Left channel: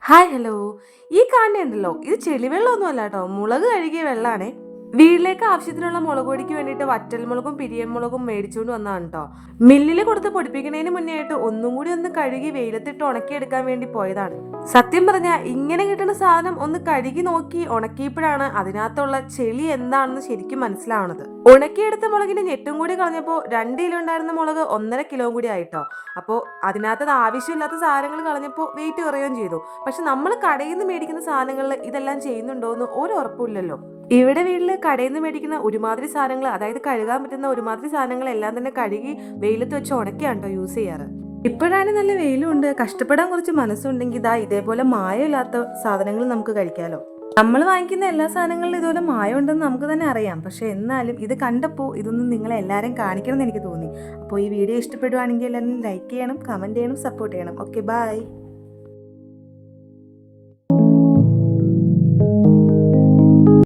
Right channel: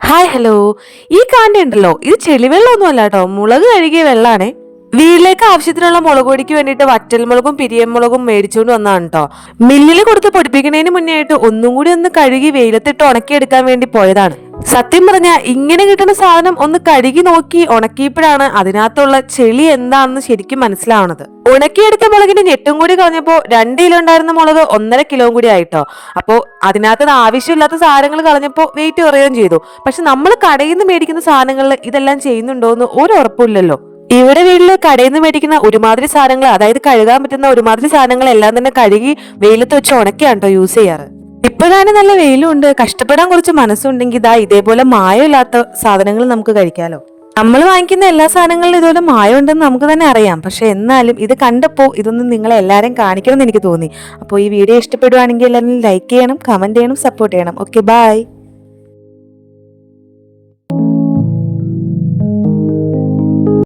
Hi hello ഈ കാണ്ടി ഉണ്ടല്ലോ. ഇത് ചെളിവെള്ളമൊന്നും അല്ല കേട്ടോ മുളക് കഴുകിയ വെള്ളാണേ. വീട്ടിലേക്ക് ആവശ്യത്തിനുള്ള മുളക് പൊടിക്ക് വേണ്ടിയിട്ട് വറ്റൽ വറ്റൽമുളകും പിരിയമുളകും മേടിച്ചുകൊണ്ട് വന്നതാണ് കേട്ടോ മില്ലിൽ കൊടുത്ത് പൊടിപ്പിക്കുന്നതിന് മുന്നേ ആയിട്ട് ഒന്നും കൂടി ഒന്ന് കഴുകി വെയിലത്തിട്ട് ഉണക്കിയെടുക്കാൻ വേണ്ടി പോയതാണ്. സത്യം പറഞ്ഞ ഇങ്ങനെ കിട്ടുന്ന സാധനം ഒന്ന് കഴുകി നോക്കി ഉണക്കിയപ്പോഴാണ് അതിനകത്തുള്ള ചെളി എന്താണെന്ന് ശരിക്കും മനസ്സിലാവണത്. ഉണക്കിയെടുത്ത മുളകിന്റെ ഞെട്ടും കൂടി കളഞ്ഞപ്പോ രണ്ട് കിലോ ഉണ്ടായിരുന്ന മുളക് ഒന്നര കിലോ കൂടി ആയിട്ടോ. അപ്പോ അതിനകത്ത് ആവശ്യമില്ലാത്ത സാധനങ്ങൾ കളഞ്ഞപ്പോ വെയിറ്റ് കുറയുകയും ചെയ്തു. പക്ഷെ നമ്മൾ കടയിൽ നിന്ന് മേടിക്കുന്ന സാധനങ്ങളിൽ ഇതെല്ലാം ചെയ്യുന്നുണ്ടോ എന്ന് ഒരു ഉറപ്പില്ലല്ലോ ഇവിടെ വീട്ടിൽ കടയിൽ നിന്ന് മേടിക്കുന്ന ഒരുമാതിരി സാധനങ്ങൾ അതായത് കഴുകാൻ പറ്റുന്ന ഒരുമാതിരി സാധനങ്ങൾ എല്ലാം തന്നെ കഴുകി വെയിലത്ത് വെച്ച് ഉണക്കിയാണ് കേട്ടോ യൂസ് ചെയ്യാറ്. ഇപ്പോഴാണ് നല്ല വെയിലുണ്ട്. കഷ്ടപ്പെടാൻ കുറച്ച് മനസ്സുണ്ടെങ്കിൽ ഇതാ ഇതേപോലെ മായമില്ലാത്ത സാധനങ്ങൾ നമുക്ക് കഴിക്കാലോ. നമ്മൾ വാങ്ങിക്കുന്ന എല്ലാ സാധനങ്ങളിലും ഇതുപോലെ മായം ഉണ്ടെന്ന് നമുക്ക് തന്നെ അറിയാം. പക്ഷെ എന്നാലും ഇത് കണ്ടപ്പോൾ ഇതൊന്നും നിങ്ങളെ എല്ലാവരും കാണിക്കണം എന്ന് എനിക്ക് തോന്നി. അപ്പോൾ ഈ വീഡിയോ ഇഷ്ടപ്പെടുവാണെങ്കിൽ എല്ലാവരും ലൈക്ക് ചെയ്യണം കമന്റ് ചെയ്യണം സപ്പോർട്ട് ചെയ്യണം. Okay bye